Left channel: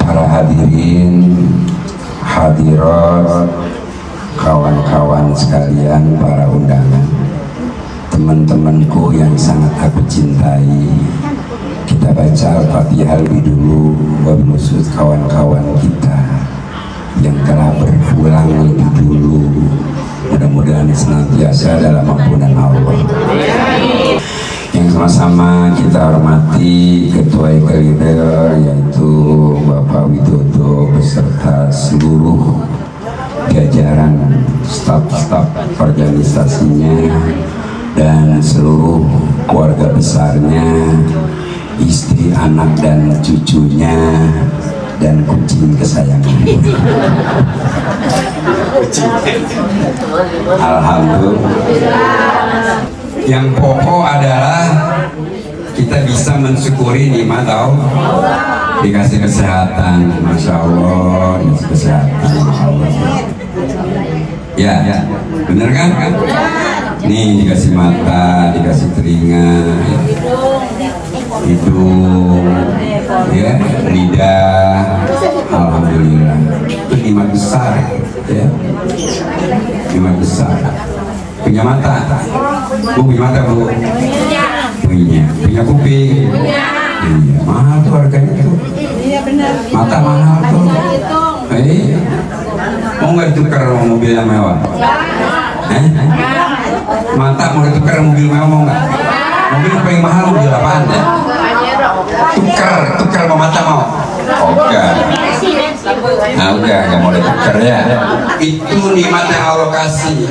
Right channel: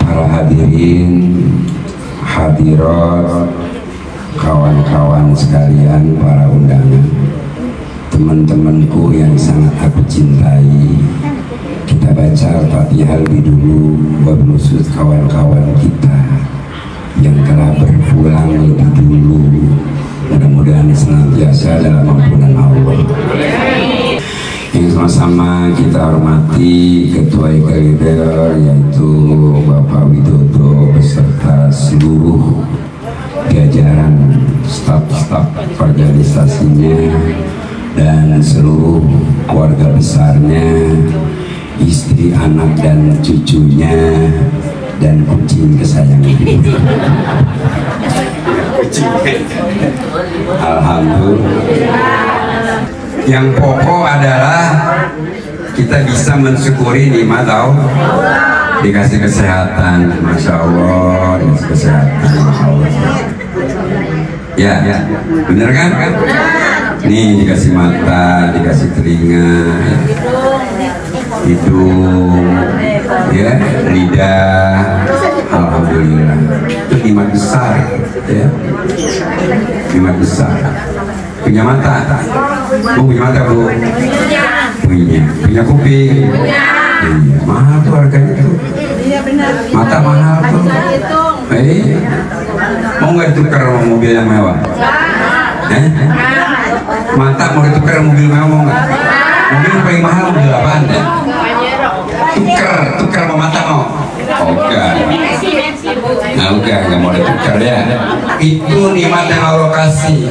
Para hadirin, hadirat, kawan-kawan sekalian, para undangan, teman-temanku yang sangat aku cintai, kita baca Al-Fatihah lebih dulu, bermaksud kawan-kawan kita yang telah berpulang lebih dulu, mudah-mudahan senantiasa dalam ampunan Allah. Yang sama-sama kita hormati Ketua Leader yaitu Bapak Widodo beserta seluruh jajaran staf-staf organisasinya dan seluruh keluarga besarnya, istri, anak dan cucunya, dan kucing kesayangan. Alhamdulillah. Yang pokok adalah kita bisa mensyukuri nikmat Allah, dikasih kesehatan, masya Allah, dikasih kesehatan, masya Allah. Ya, bener kan? Nih dikasih mata, dikasih telinga, hidung, ya, lidah, alhamdulillah. Itu nikmat besar, ya, nikmat besar. Punya mata, Bu, punya mata, Bu? Punya kuping? Iya, mahal tuh harganya tuh. Iya benar. Mata mahal tuh. Mau nggak ditukar sama mobil yang mewah? Mata mau ditukar mobil mewah, mau nggak? Mobil yang paling mahal mobil apaan deh? Tukar sama mata mau? Enggak. Nah udah, nggak mau ditukar ya. Itu nikmat yang Allah kasih.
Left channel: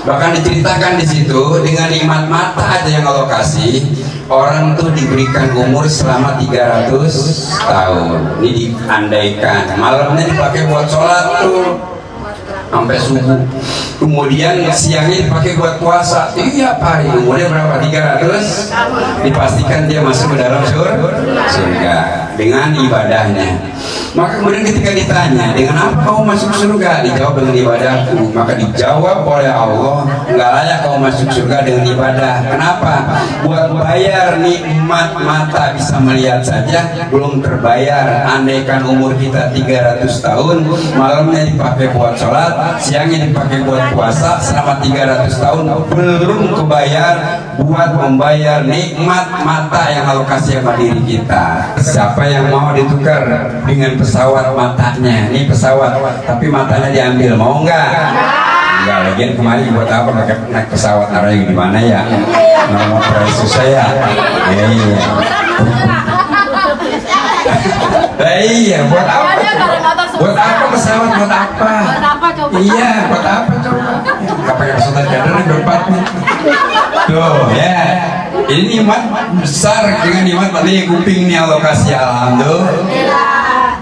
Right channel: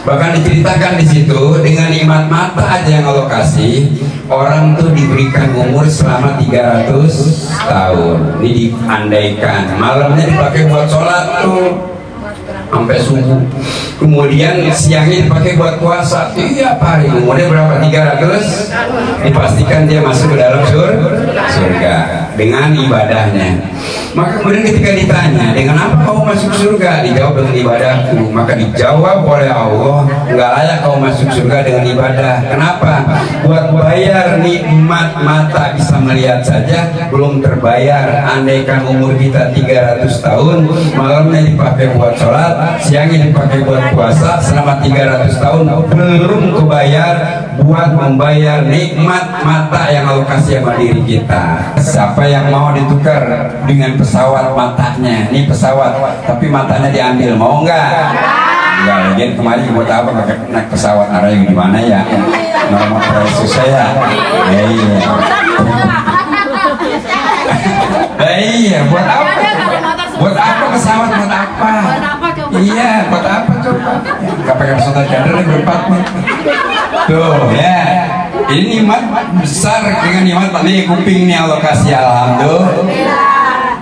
Bahkan diceritakan di situ, dengan nikmat mata aja yang Allah kasih, orang tuh diberikan umur selama 300 tahun. Ini diandaikan, malamnya dipakai buat sholat tuh sampai subuh, kemudian siangnya dipakai buat puasa tiap hari. Umurnya berapa? 300. Dipastikan dia masuk ke dalam surga dengan ibadahnya. Maka kemudian ketika ditanya, dengan apa kamu masuk surga? Dijawab dengan ibadahku. Maka dijawab oleh Allah, nggak layak kau masuk surga dengan ibadah. Kenapa? Buat bayar nikmat mata bisa melihat saja belum terbayar. Andaikan umur kita 300 tahun, malamnya dipakai buat sholat, siangnya dipakai buat puasa, selama 300 tahun belum kebayar buat membayar nikmat mata yang Allah kasih sama diri kita. Siapa yang mau ditukar dengan pesawat matanya? Ini pesawat, tapi matanya diambil, mau nggak? Enggak, lagian kemarin buat apa pakai naik pesawat, arahnya di mana ya? Mau susah ya? Iya, buat apa? Buat apa pesawat? Buat apa? Iya, buat apa coba? Nggak pakai pesawat charter berempat nih. Tuh ya, ini nikmat besar dengan nikmat tadi kuping nih Allah kasih, alhamdulillah.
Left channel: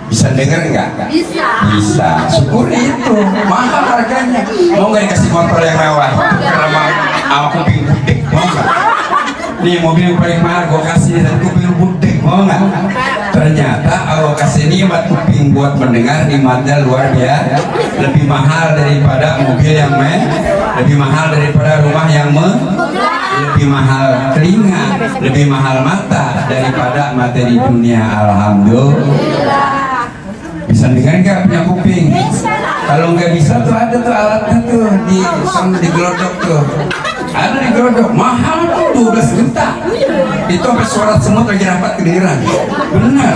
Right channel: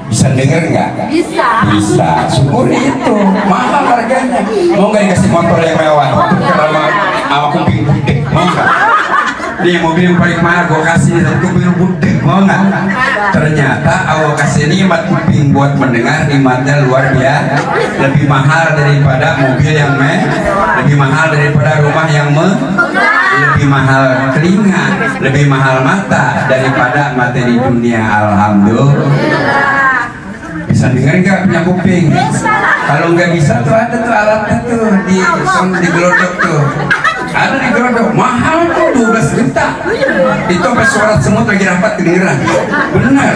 Bisa denger nggak? Bisa. Syukuri itu. Mahal harganya. Mau nggak dikasih motor yang mewah? Karena sama kuping budek, mau nggak? Nih mobil yang paling mahal gue kasih kuping budek, mau nggak? Ternyata Allah kasih nikmat kuping buat mendengar, nikmatnya luar biasa. Lebih mahal daripada mobil yang lebih mahal daripada rumah yang lebih mahal telinga, lebih mahal mata daripada materi dunia. Alhamdulillah. Bisa dengar nggak punya kuping? Kalau nggak bisa tuh ada tuh alatnya tuh di gelodok tuh. Ada di gelodok, mahal tuh 12 juta. Itu sampai suara semut lagi rapat kedengeran. Benar.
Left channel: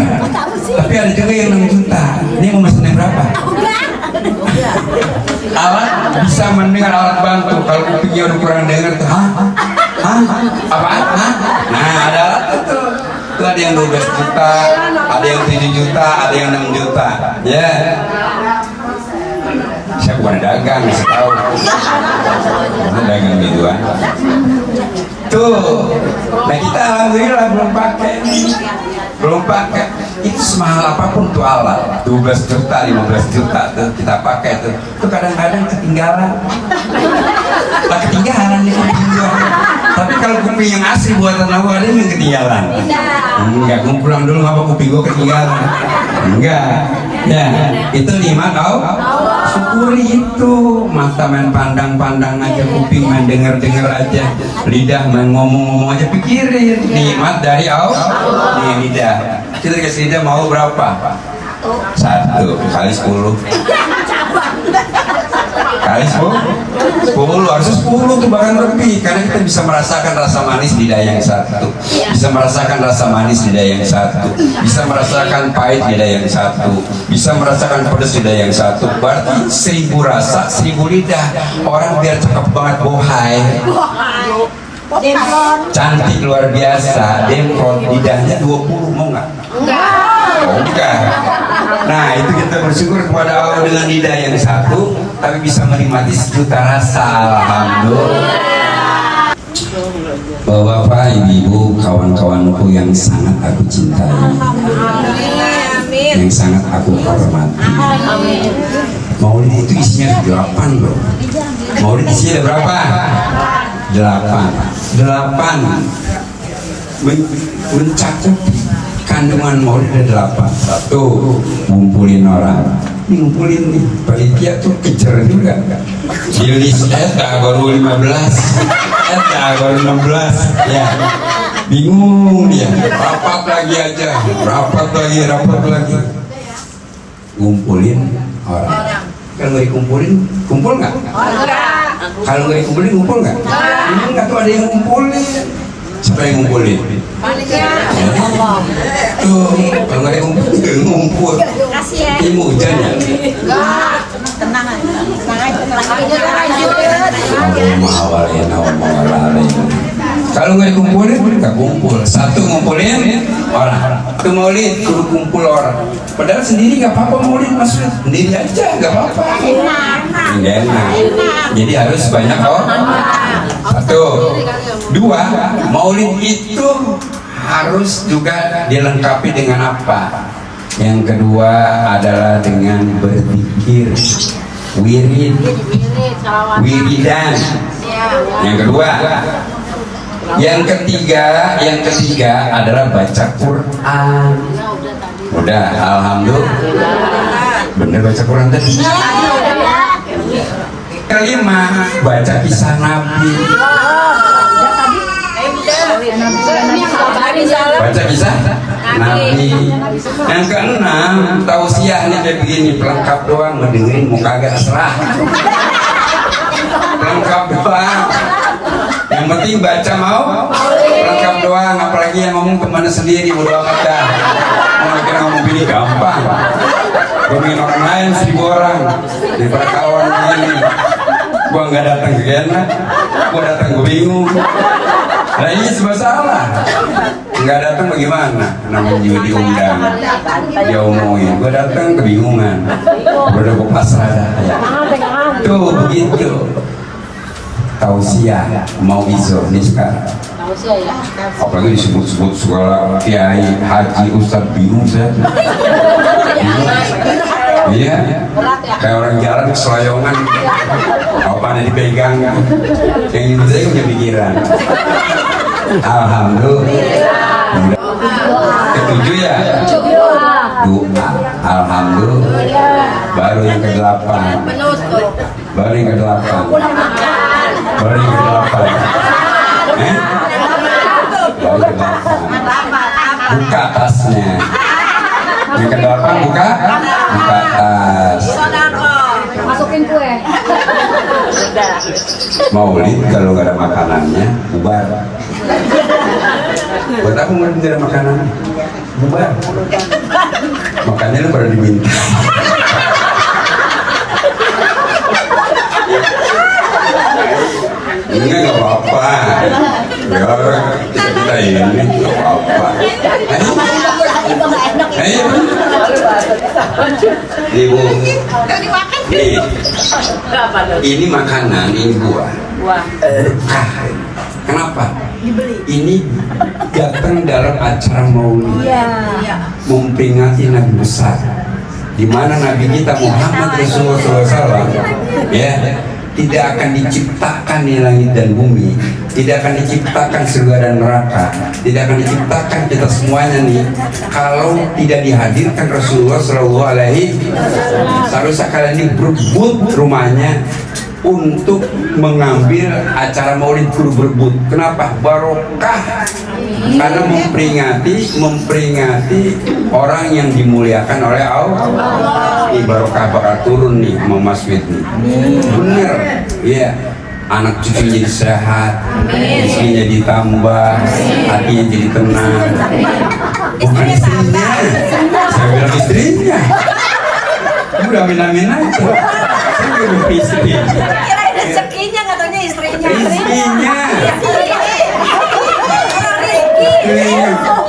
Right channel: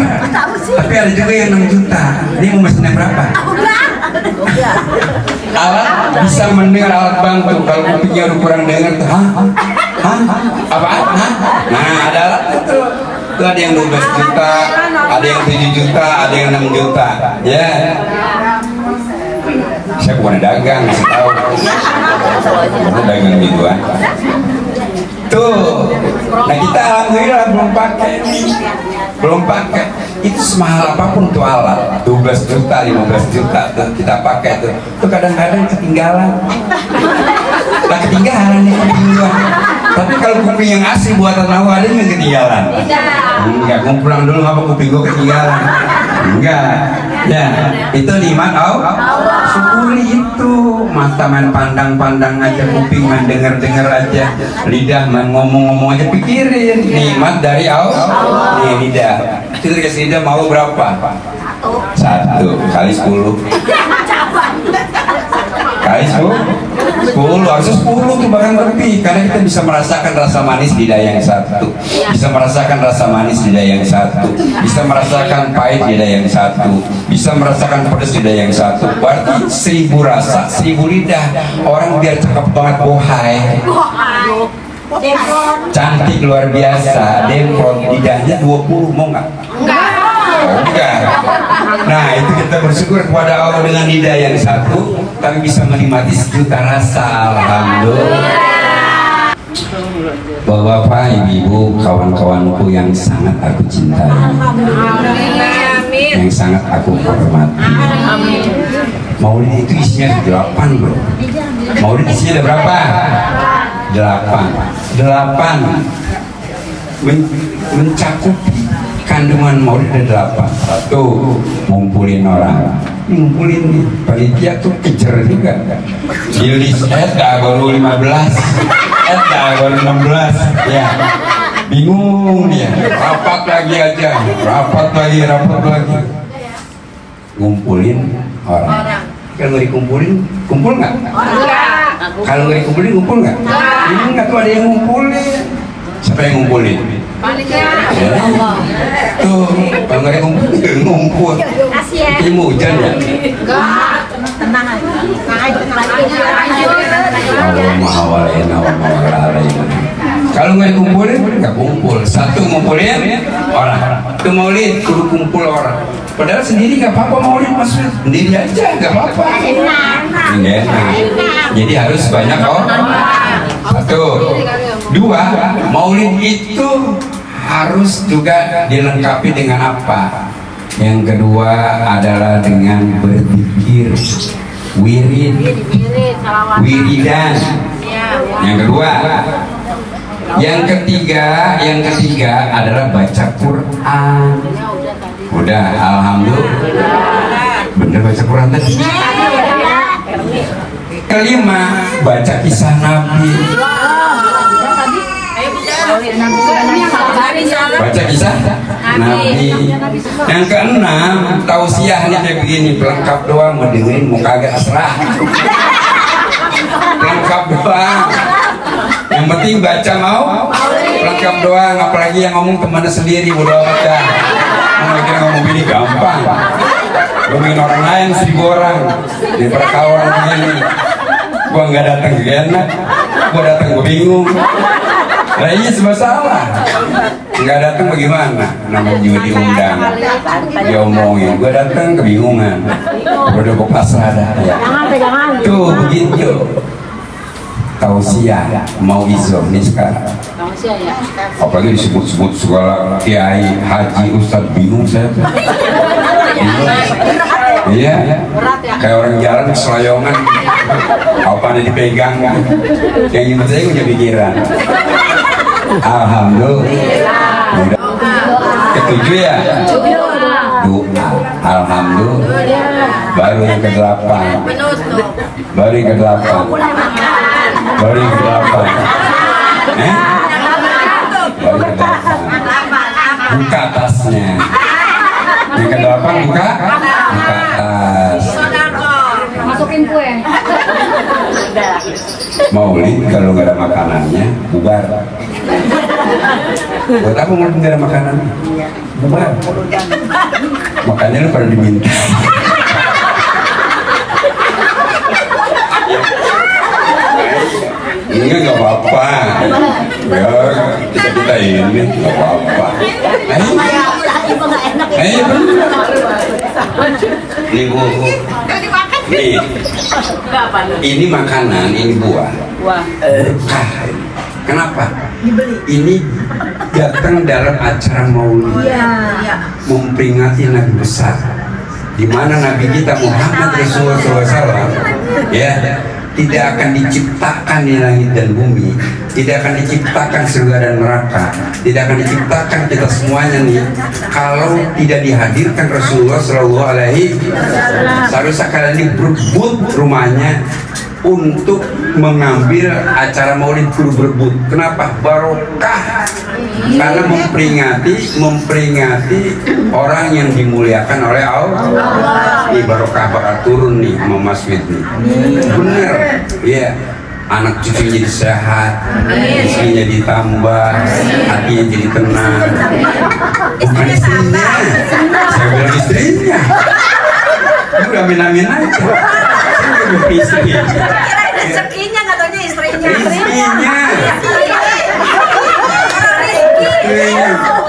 Tapi ada juga yang 6 juta. Ini mau mesin yang berapa? Alat bisa mendengar, alat bantu. Kalau kupingnya udah kurang dengar tuh, apaan? Nah ada alat itu. Itu ada yang 12 juta, ada yang 7 juta, ada yang 6 juta. Ya. Saya bukan dagang, saya tahu. Bukan dagang mingguan. Tuh. Nah kita alhamdulillah belum pakai. Itu semahal apapun tuh alat, 12 juta, 15 juta tuh kita pakai tuh. Itu kadang-kadang ketinggalan. Tak ketinggalan ya. Tapi kalau kuping yang asli buatan Allah ada yang ketinggalan. Enggak, pulang dulu apa kuping gue ketinggalan. Enggak. Ya, itu nikmat Allah. Syukuri itu. Mata main pandang-pandang aja, kuping main dengar-dengar aja, lidah main ngomong-ngomong aja, pikirin nikmat dari Allah. Nih lidah. Kita kasih lidah mau berapa? 1 kali 10 kali 10 harusnya 10 tuh bahkan lebih, karena kita bisa merasakan rasa manis di lidah yang satu, bisa merasakan rasa manis di lidah yang satu, bisa merasakan pahit di lidah yang satu, bisa merasakan pedas di lidah yang satu. Berarti 1000 rasa 1000 lidah. Orang biar cakep banget bohai, cantik luar biasa, demplon, lidahnya 20, mau nggak? Enggak. Nah, itu kita bersyukur kepada Allah dengan lidah yang satu, tapi bisa menikmati sejuta rasa. Alhamdulillah. Bapak, ibu, kawan-kawanku yang sangat aku cintai, yang sangat aku hormati. Maulid itu isinya 8 loh. Maulid isinya berapa? 8 mencakup kandungan maulid ada 8. 1, ngumpulin orang. Ngumpulin nih, panitia tuh kejar juga. Jilis baru 15, baru 16, ya. Bingung dia. Rapat lagi aja, rapat lagi. Ngumpulin orang. Kalau nggak dikumpulin, kumpul nggak? Kalau nggak dikumpulin, kumpul nggak? Ini nggak tuh ada yang ngumpulin. Siapa yang ngumpulin? Allah. Tuh, kalau nggak ada ngumpul, ilmu hujan ya? Tenang aja. Kalau nggak dikumpulin, nggak kumpul. 1 ngumpulin orang. Itu maulid, kudu kumpul orang. Padahal sendiri nggak apa-apa maulid, maksudnya sendiri aja nggak apa-apa. Enak. Jadi harus banyak orang. 1, 2, maulid itu harus juga dilengkapi dengan apa? Yang kedua adalah dengan berzikir, wiridan. Yang kedua, yang ketiga adalah baca Quran. Udah, alhamdulillah. Bener baca Quran tadi. Kelima, baca kisah Nabi. Baca kisah Nabi. Yang keenam, tausiah nih kayak begini, pelengkap doang, ngedengerin mau kagak serah. Pelengkap doang. Yang penting baca mau, pelengkap doang. Apalagi yang ngomong temannya sendiri, udah amat kan. Kalau kita ngomong gini gampang. Ngomongin orang lain 1000 orang di perkawan begini. Gua nggak datang ke enak, gua datang gua bingung. Nah ini sebab salah. Nggak datang bagaimana? Namanya juga diundang, diomongin. Gua datang kebingungan. Gua udah bawa pasrah dah ya. Tuh begitu. Tausiah mau izo nih sekarang. Apalagi disebut-sebut segala kiai, haji, ustaz, bingung saya. Iya, kayak orang jalan keseloyongan, apa nih dipegang kan? Yang ini saya punya pikiran. Alhamdulillah. Ketujuh ya? Doa. Alhamdulillah. Baru yang ke-8. Baru yang ke-8. Baru yang ke-8. Buka atasnya. Yang ke-8 buka atas. Masukin kue. Maulid kalau nggak ada makanannya bubar. Buat apa maulid nggak ada makanannya? Bubar. Makanya lu pada diminta. Ini nggak apa-apa. Ya kita ini nggak apa-apa. Ayo. Nih bu, nih. Ini makanan, ini buah. Berkah. Kenapa? Ini datang dalam acara maulid, memperingati Nabi besar, di mana Nabi kita Muhammad Rasulullah SAW, ya, tidak akan diciptakan di langit dan bumi, tidak akan diciptakan surga dan neraka, tidak akan diciptakan kita semuanya nih kalau tidak dihadirkan Rasulullah SAW. Seharusnya kalian ini berebut rumahnya untuk mengambil acara maulid kudu berebut. Kenapa? Barokah. Karena memperingati orang yang dimuliakan oleh Allah. Ini barokah bakal turun nih sama Mas Wid nih. Bener, ya. Anak cucunya jadi sehat, istrinya ditambah, hatinya jadi tenang. Bukan istrinya, saya bilang istrinya. Udah amin-amin aja. Istri. Rezekinya katanya istrinya. Istrinya.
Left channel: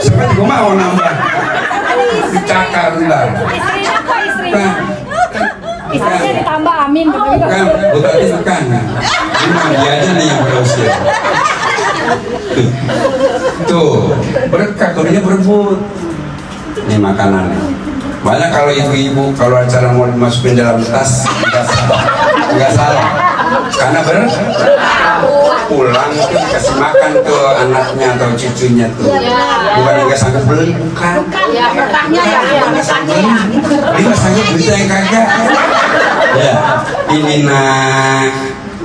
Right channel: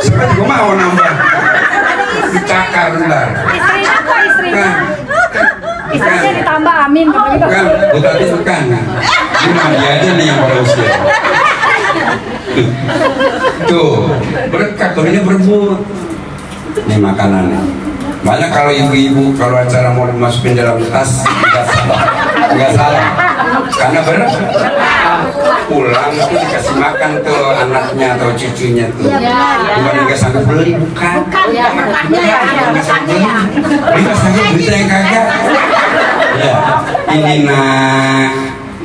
Sekarang gue mau nambah. Dicakar ntar. Istrinya kok istrinya? Istrinya ditambah amin. Bukan, gue tadi bukan. Cuma dia aja nih yang pada usia. Tuh, berkah, ini berebut. Ini makanan. Banyak kalau ibu-ibu kalau acara mau dimasukin dalam tas nggak salah, karena pulang itu dikasih makan tuh anaknya atau cucunya tuh, bukan nggak sanggup beli, bukan nggak sanggup bisa yang kagak ya. Ini nak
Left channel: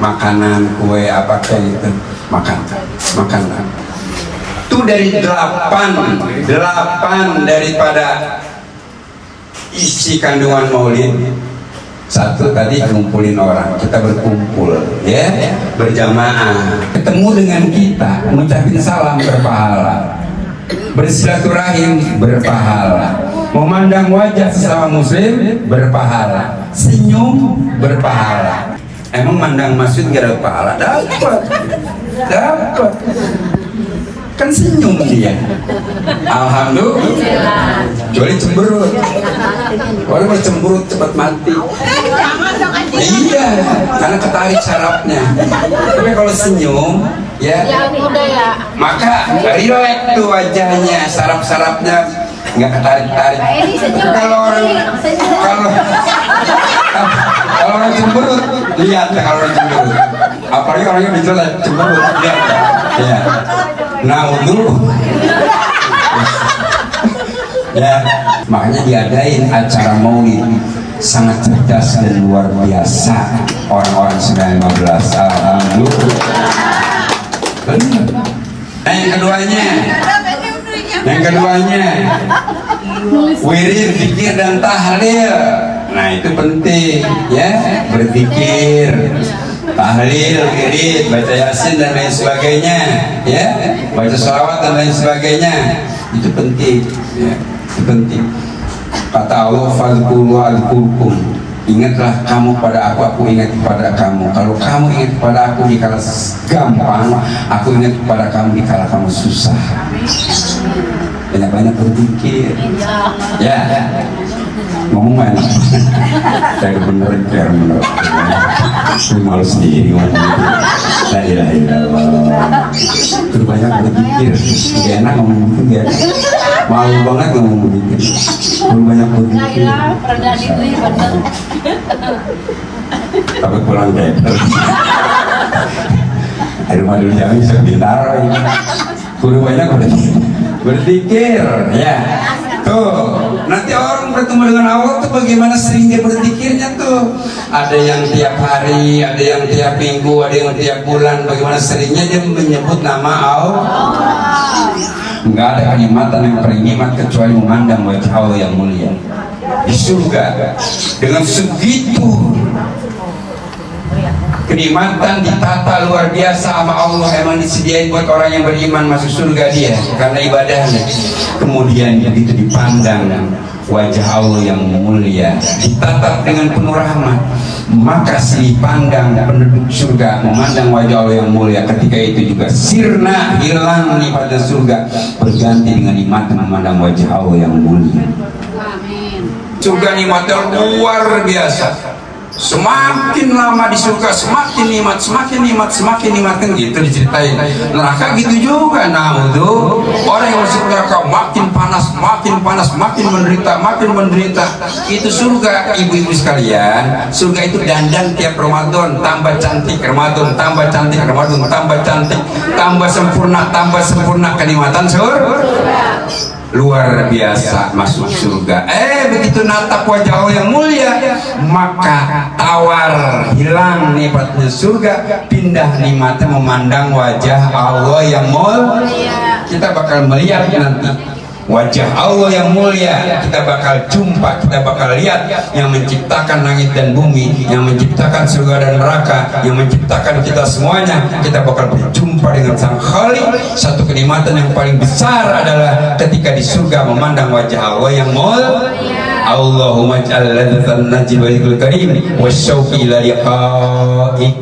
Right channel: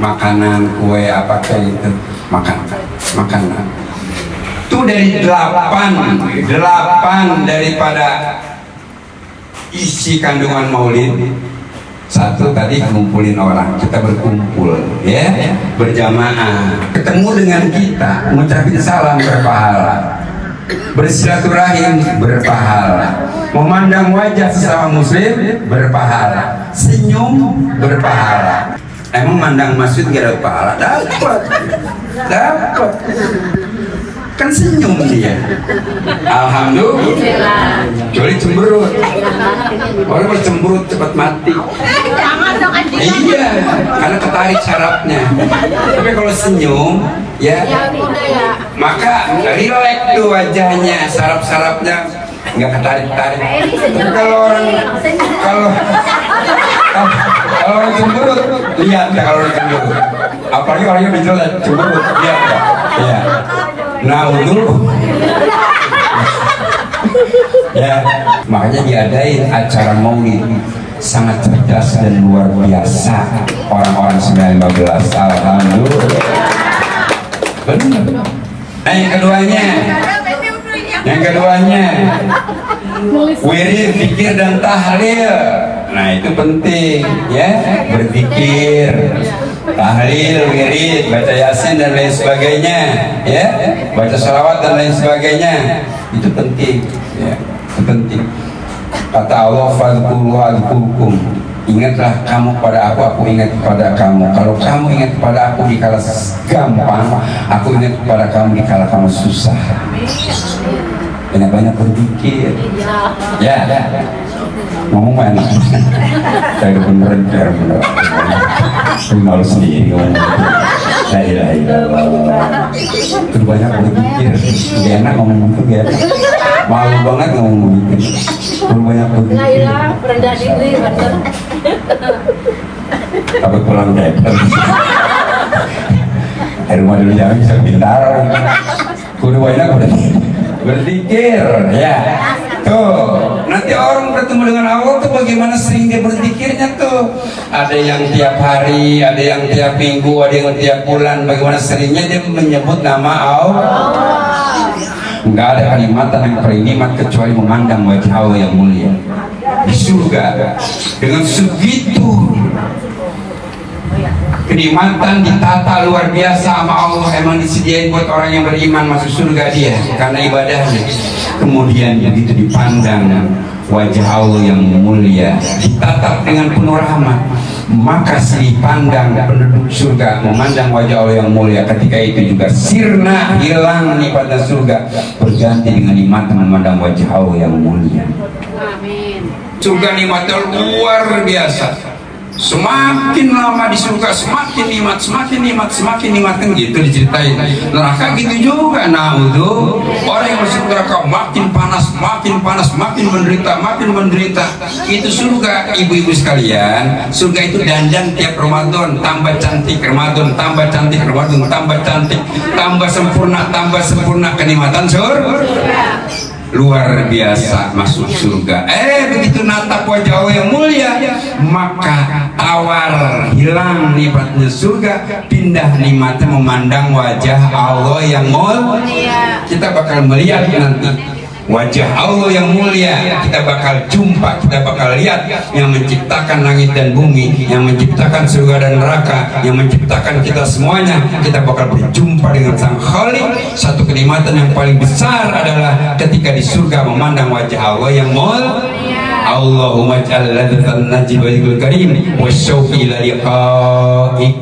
makanan kue apa kayak gitu, makan tuh dari 8 daripada isi kandungan maulid. Satu tadi ngumpulin orang, kita berkumpul ya, berjamaah, ketemu dengan kita, mengucapkan salam berpahala, bersilaturahim berpahala, memandang wajah sesama muslim berpahala, senyum berpahala. Emang mandang masjid gak dapat pahala? Dapat kan senyum dia. Alhamdulillah. Kecuali cemberut. Orang bercemberut cepat mati. Iya, karena ketarik sarafnya. Tapi kalau senyum, ya, maka relax tuh wajahnya, saraf-sarafnya nggak ketarik-tarik. Tapi kalau orang cemberut, lihat kalau orang cemberut. Apalagi orang yang jelek cemberut, lihat ya. Nah dulu ya, makanya diadain acara maulid sangat cerdas dan luar biasa orang-orang 19. Alhamdulillah. Benar. Nah yang keduanya wirid, zikir dan tahlil. Nah itu penting ya, berzikir, tahlil, wirid, baca yasin dan lain sebagainya ya, baca sholawat dan lain sebagainya, itu penting ya, itu penting. Kata Allah, fadhkuru adhkurkum, ingatlah kamu pada aku ingat kepada kamu. Kalau kamu ingat kepada aku di kala gampang, aku ingat kepada kamu di kala kamu susah. Banyak-banyak berzikir ya. Ngomong mana? Kayak beneran kayak bener. Saya malu sendiri ngomong gitu. La ilaha illallah. Terus banyak berzikir. Gak enak ngomong gitu, gak enak. Malu banget ngomong begitu. Terus banyak berzikir. Rendah diri, bener. Tapi pulang diaper. Di rumah dulu jangan bisa pintar. Kudu banyak berzikir ya. Tuh, nanti orang bertemu dengan Allah tuh bagaimana sering dia berzikirnya tuh. Ada yang tiap hari, ada yang tiap minggu, ada yang tiap bulan. Bagaimana seringnya dia menyebut nama Allah. Enggak ada kenikmatan yang paling nikmat kecuali memandang wajah Allah yang mulia di surga. Dengan segitu kenikmatan ditata luar biasa sama Allah, emang disediain buat orang yang beriman masuk surga dia karena ibadahnya. Kemudian begitu dipandang wajah Allah yang mulia, ditatap dengan penuh rahmat, maka si pandang penduduk surga memandang wajah Allah yang mulia. Ketika itu juga sirna, hilang nikmatnya surga, berganti dengan nikmat memandang wajah Allah yang mulia. Surga nikmatnya luar biasa. Semakin lama di surga semakin nikmat, semakin nikmat, semakin nikmat, kan gitu diceritain. Neraka gitu juga. Nah untuk orang yang masuk neraka makin panas, makin panas, makin menderita, makin menderita. Itu surga, ibu-ibu sekalian. Surga itu dandan tiap Ramadan, tambah cantik Ramadan, tambah cantik Ramadan, tambah cantik, tambah sempurna kenikmatan surga. luar biasa masuk surga. Begitu natap wajah Allah yang mulia, maka tawar hilang nikmatnya surga, pindah nikmatnya memandang wajah Allah yang mulia. Kita bakal melihat nanti wajah Allah yang mulia, kita bakal jumpa, kita bakal lihat yang menciptakan langit dan bumi, yang menciptakan surga dan neraka, yang menciptakan kita semuanya. Kita bakal berjumpa dengan Sang Khalik. Satu kenikmatan yang paling besar adalah ketika di surga memandang wajah Allah yang mulia. Allahumma ja'al ladzatan najib wa karim wa syauqi ila liqa'ik.